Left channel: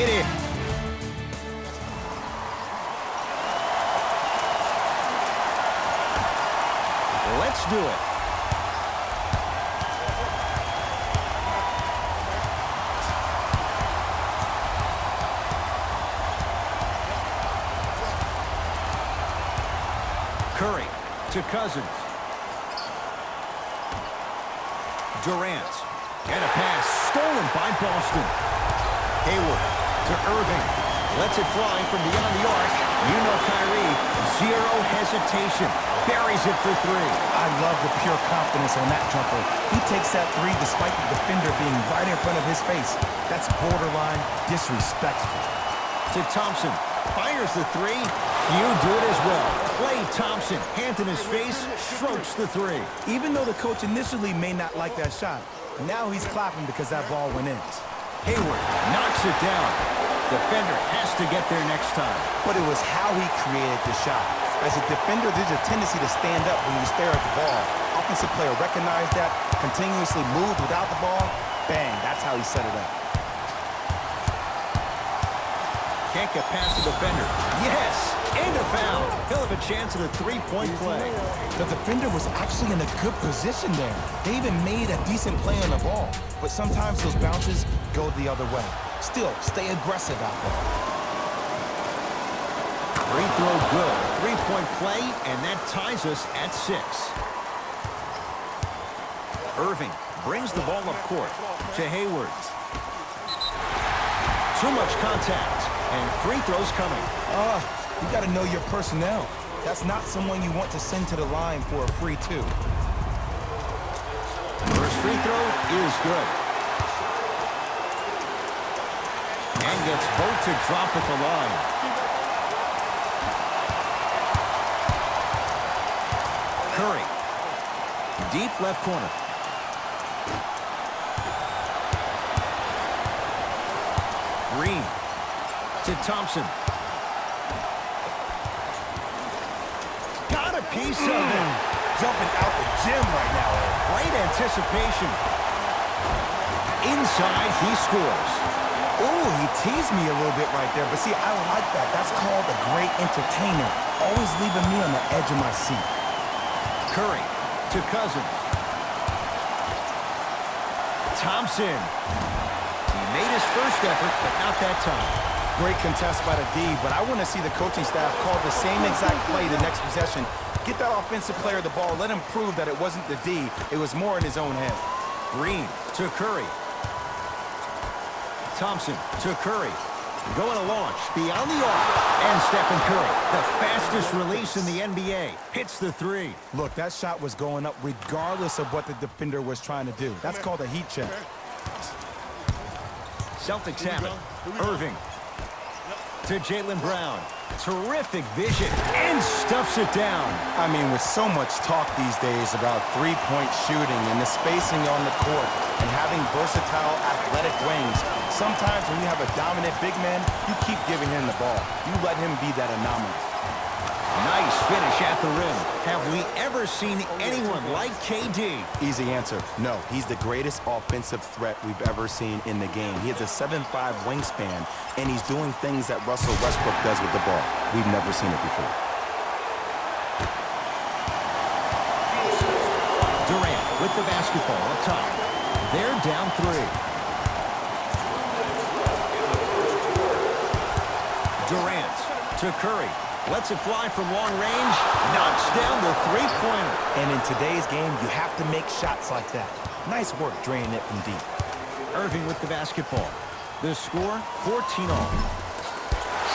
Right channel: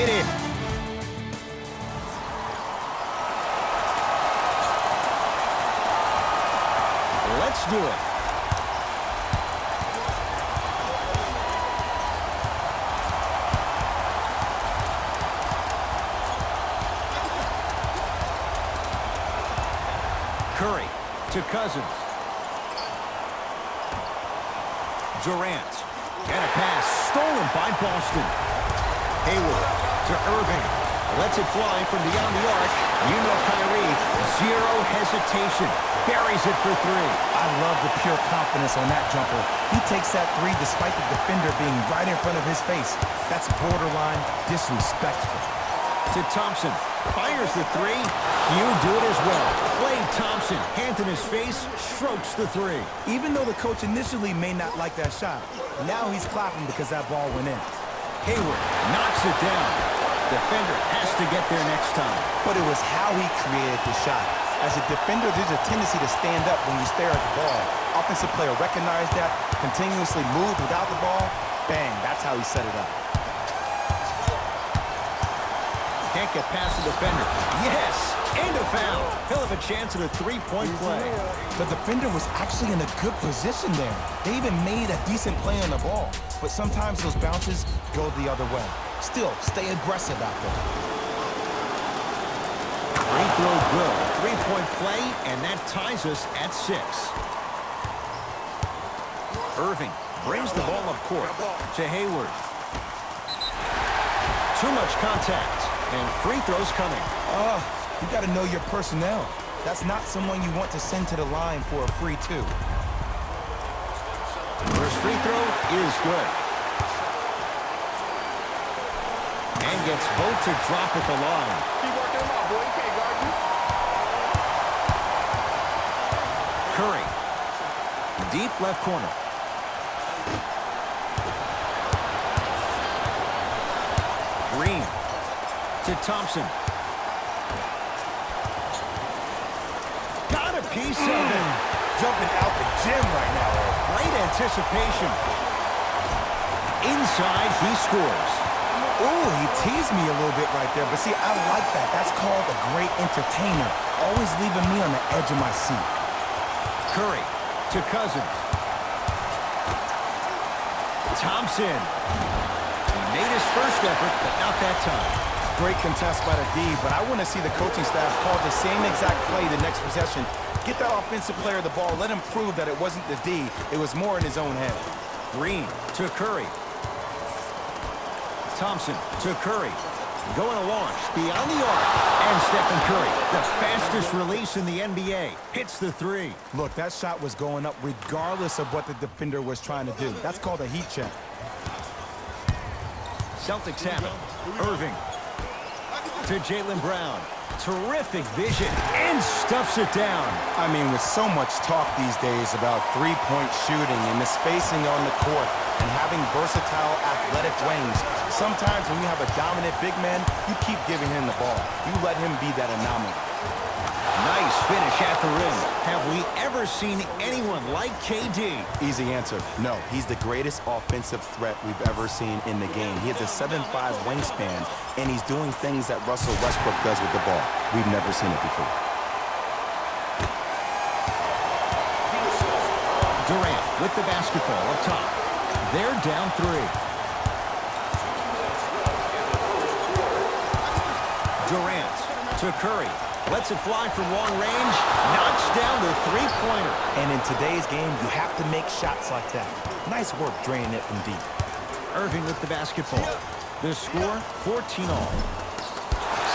It is. Let's do it. Curry to Cousins. Durant. And a pass stolen by Boston. Hayward to Irving. Lets it fly from beyond the arc. You know Kyrie, zero hesitation. Buries it for three. I love the pure confidence on that jumper. He takes that three despite the defender being right in front of his face. That's borderline disrespectful. To Thompson. Fires the three. Few do it as well. Klay Thompson, hand in his face, strokes the three. Even though the coach initially may not like that shot, now he's clapping because that ball went in. Hayward knocks it down. Defender has to get there next time. But it was how he created the shot. As a defender, there's a tendency to stand up when you stare at the ball. Offensive player recognized that, continuously moved without the ball. Bang, that's how he set it up. Can't get past the defender. Yes! And a foul. He'll have a chance at a three-point play. The defender was actually in a good position there. They even made a decent play on the ball. But sometimes those bounces go the other way. Still, stay aggressive out there. Free throw good. A three-point play, and that ties us at 6. Irving brings the ball up court to Hayward. Too much contact, and free throws coming. You got to know your personnel. That's not someone you want to send to the line for a free two. First free throw is good. And gets both to drop at the line. Curry. Deep left corner. Green to Thompson. Got a piece of it. Jumping out the gym right now, Ed. Great anticipation. Inside, he scores. Ooh, he teased me a little bit right there. But see, I like that. That's called a great entertainer. Always leaving me on the edge of my seat. Curry to Cousins. Thompson. He made his first effort, but not that time. Great contest by the D, but I want to see the coaching staff call the same exact play the next possession. Get that offensive player the ball. Let him prove that it wasn't the D. It was more in his own head. Green to Curry. Thompson to Curry. Going to launch beyond the arc. And Stephen Curry, the fastest release in the NBA, hits the three. Look, that shot was going up regardless of what the defender was trying to do. That's called a heat check. Celtics have it. Irving to Jaylen Brown. Terrific vision and stuffs it down. I mean, with so much talk these days about three-point shooting and the spacing on the court and having versatile athletic wings, sometimes when you have a dominant big man, you keep giving him the ball. You let him be that anomaly. Nice finish at the rim. Have we ever seen anyone like KD? Easy answer, no. He's the greatest offensive threat we've ever seen in the game. He has a 7'5" wingspan, and he's doing things that Russell Westbrook does with the ball. We've never seen it before. Durant with the basketball up top. They're down 3. Durant to Curry. Lets it fly from long range. Knocks down the three-pointer. And in today's game, you have to make shots like that. Nice work draining it from deep. Irving with the basketball. The score, 14-all.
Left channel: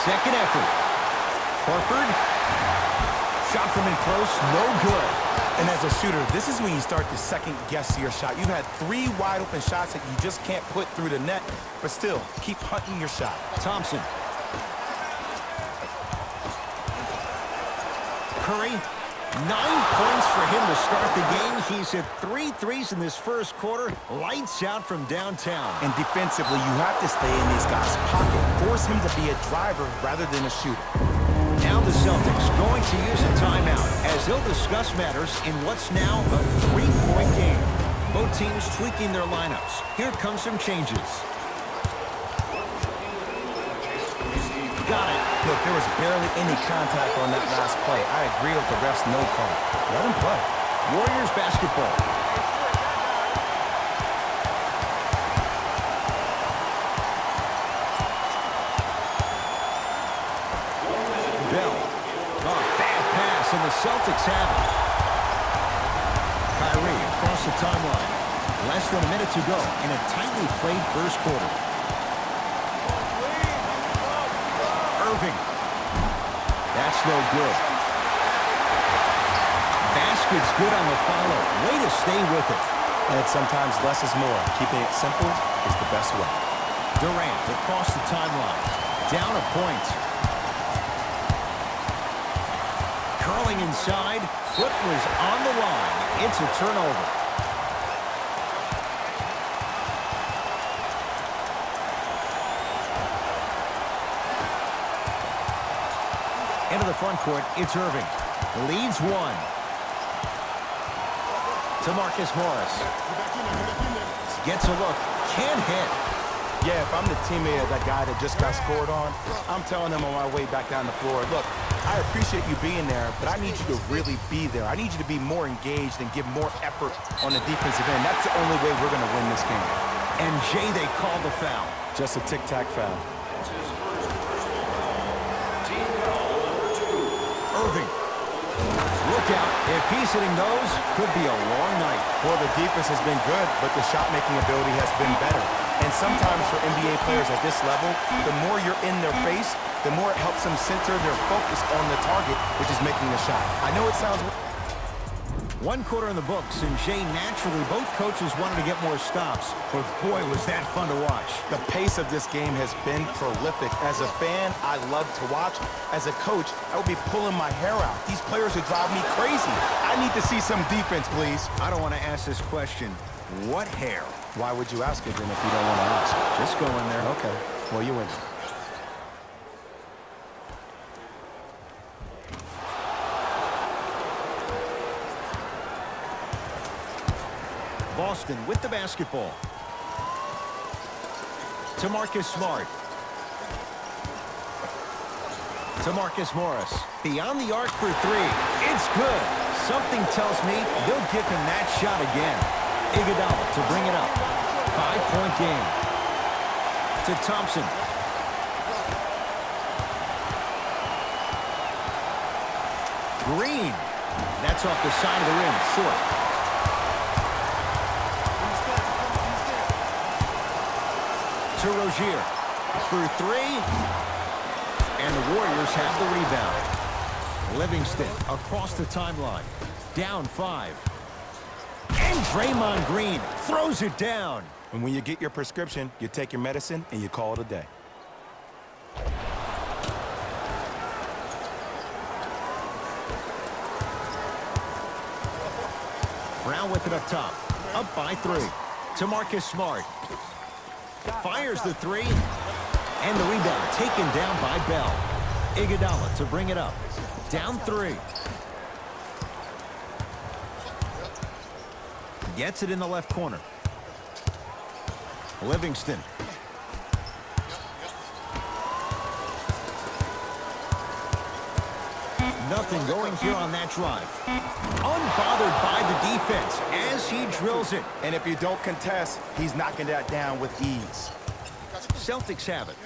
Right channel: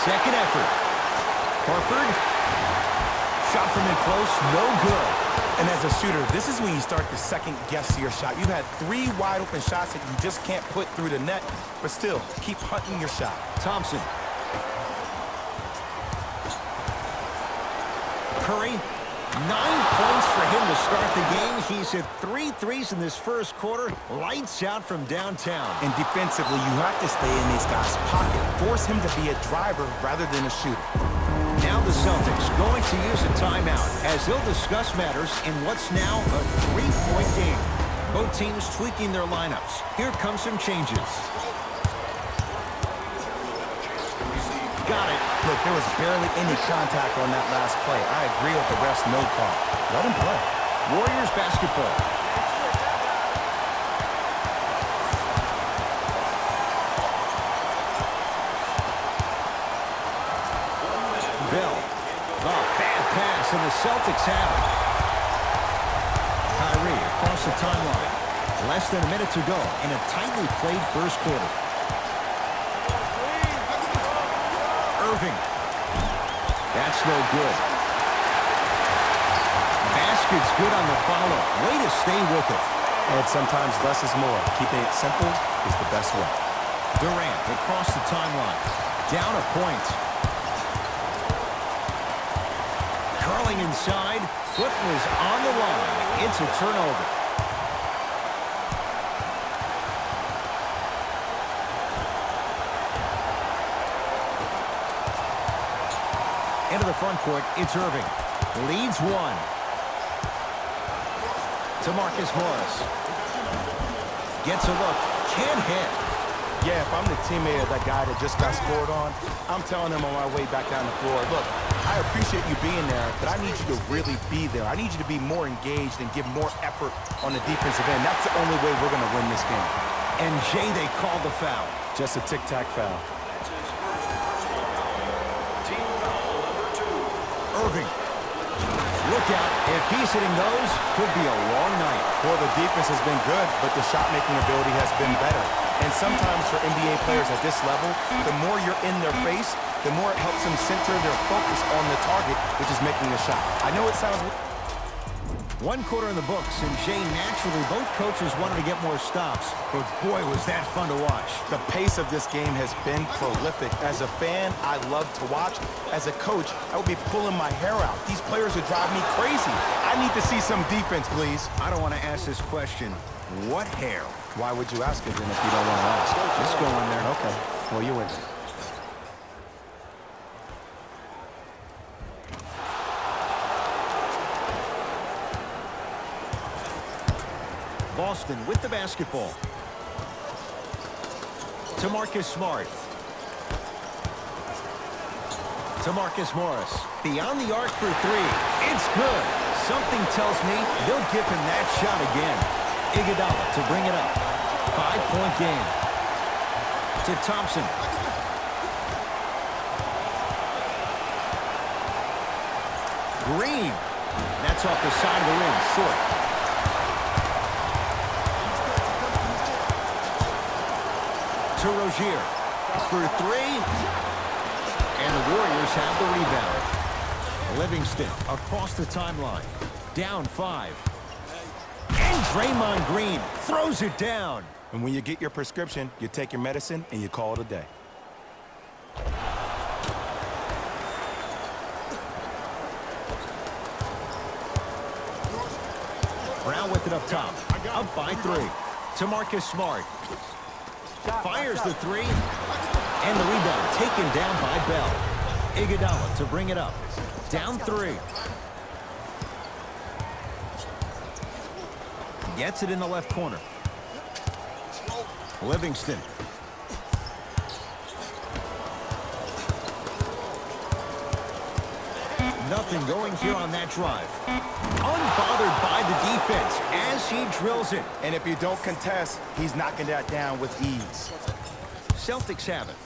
Second effort. Horford. Shot from in close, no good. And as a shooter, this is when you start to second-guess your shot. You've had 3 wide-open shots that you just can't put through the net, but still, keep hunting your shot. Thompson. Curry, 9 points for him to start the game. He's hit 3 threes in this first quarter. Lights out from downtown. And defensively, you have to stay in these guys' pocket. Force him to be a driver rather than a shooter. Now the Celtics going to use a timeout as they'll discuss matters in what's now a 3-point game. Both teams tweaking their lineups. Here come some changes. got it. Look, there was barely any contact on that last play. I agree with the ref's no call. Let him play. Warriors basketball. Bell. Oh, bad pass, and the Celtics have it. Kyrie across the timeline. Less than a minute to go in a tightly played first quarter. Irving. That's no good. Basket's good on the follow. Way to stay with it. And sometimes less is more. Keeping it simple is the best way. Durant across the timeline. Down a point. Curling inside. Foot was on the line. It's a turnover. Into the front court, it's Irving. Leads one. To Marcus Morris. Gets a look. Can't hit. Yeah, if I'm the teammate of that guy that just got scored on, I'm telling him on my way back down the floor, look, I appreciate you being there, but I need you to really be there. I need you to be more engaged and give more effort on the defensive end. That's the only way we're going to win this game. And Jay, they called the foul. Just a tic-tac foul. That's his first personal foul. Team foul number 2. Irving. Look out. If he's hitting those, could be a long night. Well, the defense has been good, but the shot-making ability has been better. And sometimes for NBA players at this level, the more you're in their face, the more it helps them center their focus on the target, which is making the shot. I know it sounds... One quarter in the books, and Jay, naturally, both coaches wanted to get more stops. But boy, was that fun to watch. The pace of this game has been prolific. As a fan, I love to watch. As a coach, I would be pulling my hair out. These players would drive me crazy. I need to see some defense, please. I don't want to ask this question. What hair? Why would you ask it then if you don't want to ask? Just go in there. Okay. Well, you win. Boston with the basketball. To Marcus Smart. To Marcus Morris. Beyond the arc for three. It's good. Something tells me they'll give him that shot again. Iguodala to bring it up. 5-point game. To Thompson. Green. That's off the side of the rim. Short. To Rozier for three, and the Warriors have the rebound. Livingston across the timeline, down 5. And Draymond Green throws it down. And when you get your prescription, you take your medicine and you call it a day. Brown with it up top, up by 3. To Marcus Smart. Fires the three, and the rebound taken down by Bell. Iguodala to bring it up. Down 3. Gets it in the left corner. Livingston. Nothing going here on that drive. Unbothered by the defense as he drills it. And if you don't contest, he's knocking that down with ease. Celtics have it.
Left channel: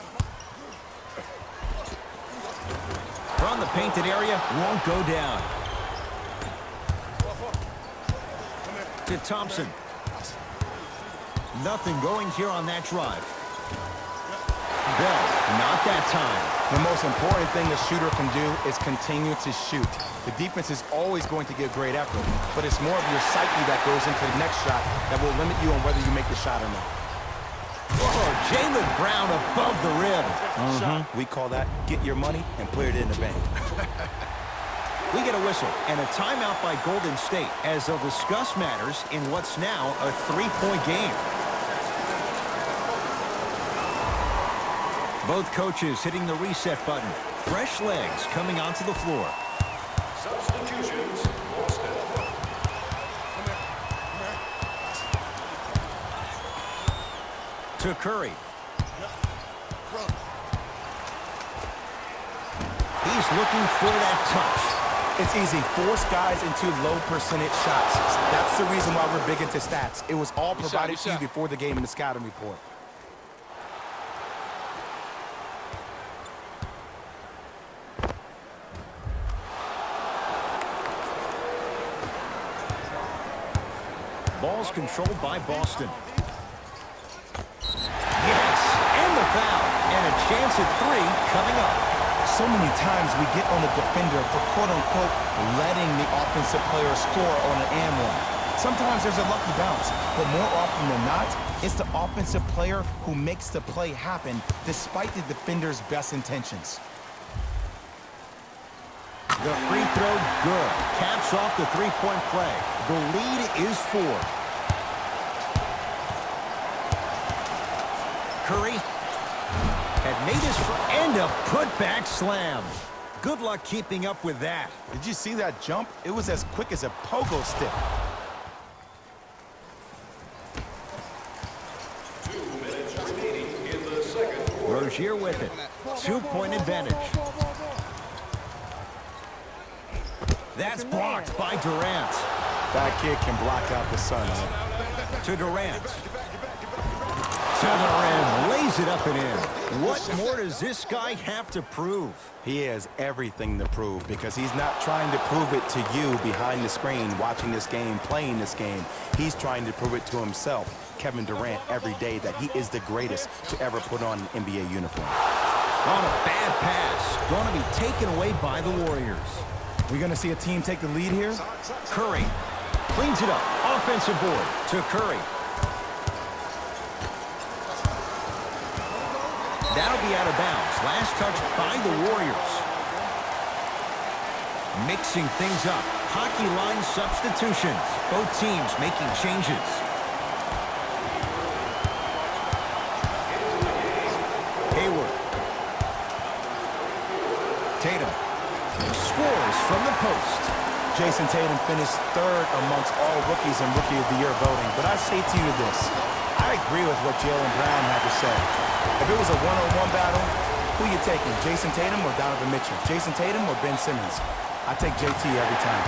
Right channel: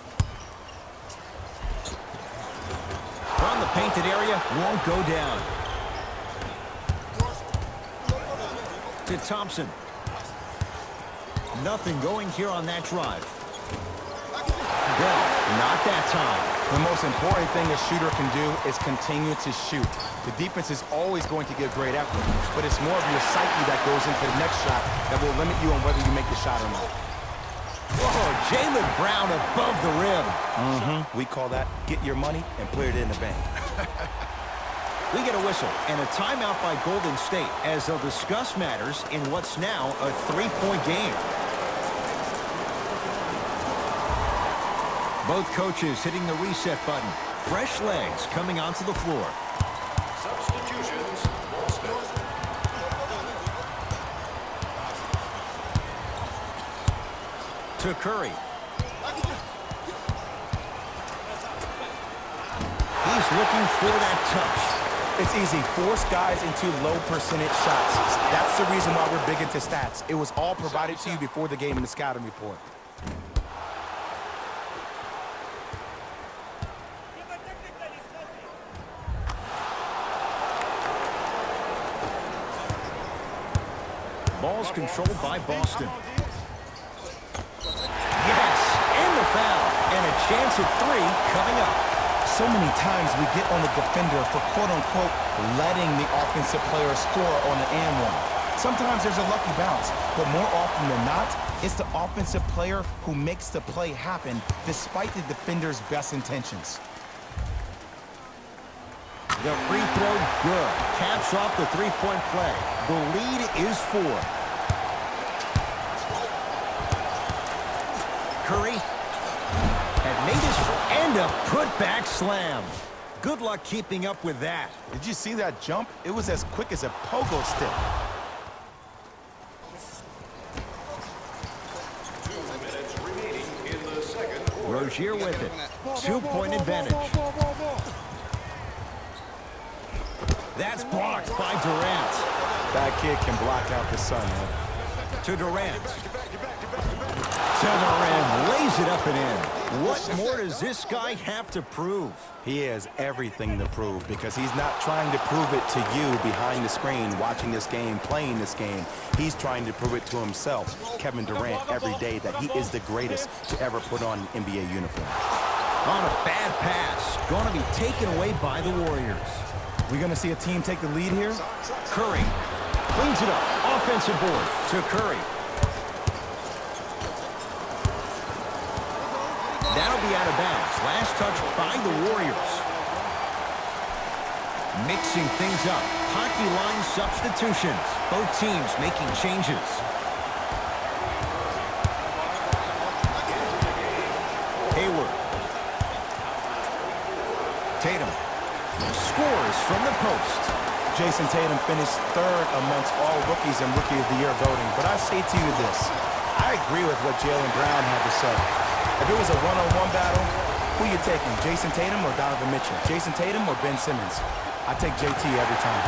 From the painted area, won't go down. To Thompson. Nothing going here on that drive. Bell, not that time. The most important thing a shooter can do is continue to shoot. The defense is always going to give great effort, but it's more of your psyche that goes into the next shot that will limit you on whether you make the shot or not. Oh, Jaylen Brown above the rim. We call that get your money and put it in the bank. We get a whistle and a timeout by Golden State as they'll discuss matters in what's now a 3-point game. Both coaches hitting the reset button. Fresh legs coming onto the floor. Substitutions, Boston. To Curry. He's looking for that touch. It's easy. Force guys into low percentage shots. That's the reason why we're big into stats. It was all provided to you before the game in the scouting report. Ball's controlled by Boston. Yes, and the foul. And a chance at 3 coming up. So many times we get on the defender for quote-unquote letting the offensive player score on an and one. Sometimes there's a lucky bounce, but more often than not, it's the offensive player who makes the play happen despite the defender's best intentions. The free throw, good. Caps off the three-point play. The lead is 4. Curry had made his and a putback slam. Good luck keeping up with that. Did you see that jump? It was as quick as a pogo stick. 2 minutes remaining in the second quarter. Rozier with it. 2-point advantage. That's blocked by Durant. That kid can block out the sun, man. To Durant. To the rim. Lays it up and in. What more does this guy have to prove? He has everything to prove because he's not trying to prove it to you behind the screen watching this game, playing this game. He's trying to prove it to himself, Kevin Durant, every day that he is the greatest to ever put on an NBA uniform. On a bad pass. Going to be taken away by the Warriors. We're going to see a team take the lead here. Curry cleans it up. Offensive board to Curry. That'll be out of bounds. Last touch by the Warriors. Mixing things up. Hockey line substitutions. Both teams making changes. Hayward. Tatum. Scores from the post. Jason Tatum finished 3rd amongst all rookies in Rookie of the Year voting. But I say to you this. I agree with what Jaylen Brown had to say. If it was a one-on-one battle, who you taking, Jason Tatum or Donovan Mitchell? Jason Tatum or Ben Simmons? I take JT every time.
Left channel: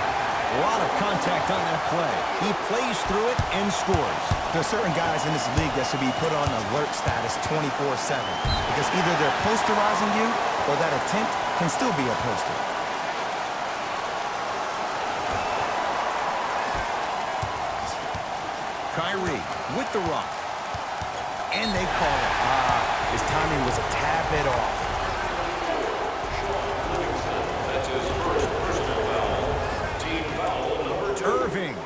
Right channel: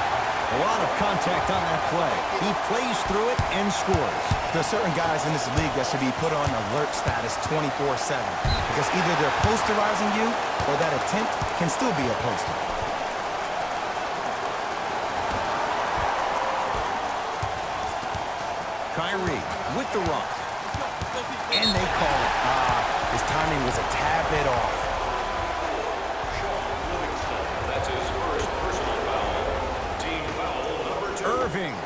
A lot of contact on that play. He plays through it and scores. There are certain guys in this league that should be put on alert status 24/7 because either they're posterizing you or that attempt can still be a poster. Kyrie with the rock. And they call it. His timing was a tad bit off. Sean Livingston, that's his first personal foul. Team foul number 2. Irving.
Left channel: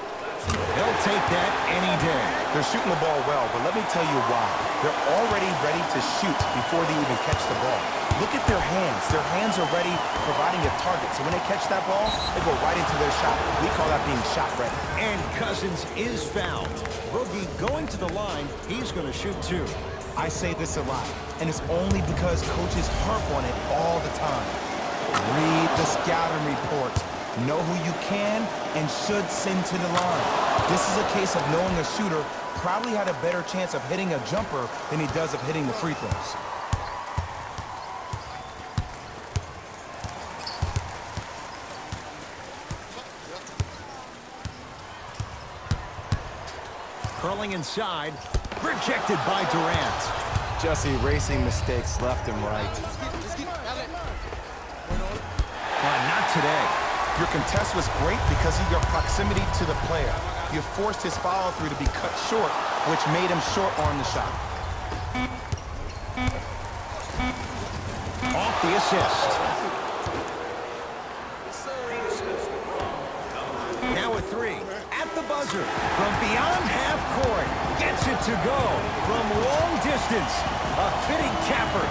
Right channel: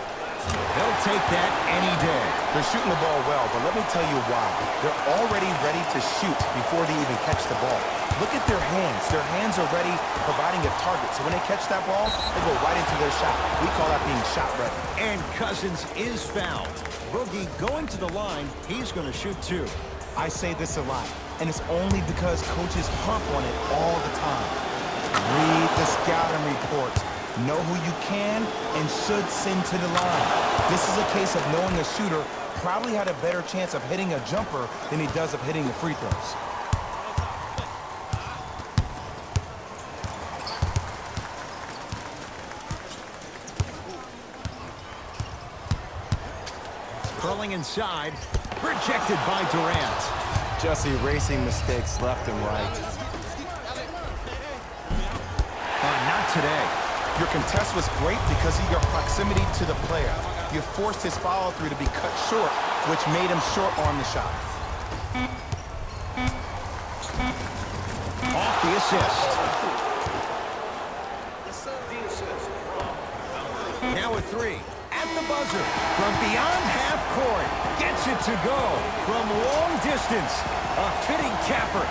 He'll take that any day. They're shooting the ball well, but let me tell you why. They're already ready to shoot before they even catch the ball. Look at their hands. Their hands are ready, providing a target. So when they catch that ball, they go right into their shot. We call that being shot ready. And Cousins is fouled. Boogie going to the line. He's going to shoot 2. I say this a lot, and it's only because coaches harp on it all the time. Read the scouting report. Know who you can and should send to the line. This is a case of knowing a shooter probably had a better chance of hitting a jumper than he does of hitting the free throws. Curling inside. Rejected by Durant. Just erasing mistakes left and right. Not today. Your contest was great because of your proximity to the player. You forced his follow-through to be cut short, which made him short-arm the shot. Off the assist. Now a 3. At the buzzer. From beyond half court. Gets it to go. From long distance. A fitting capper.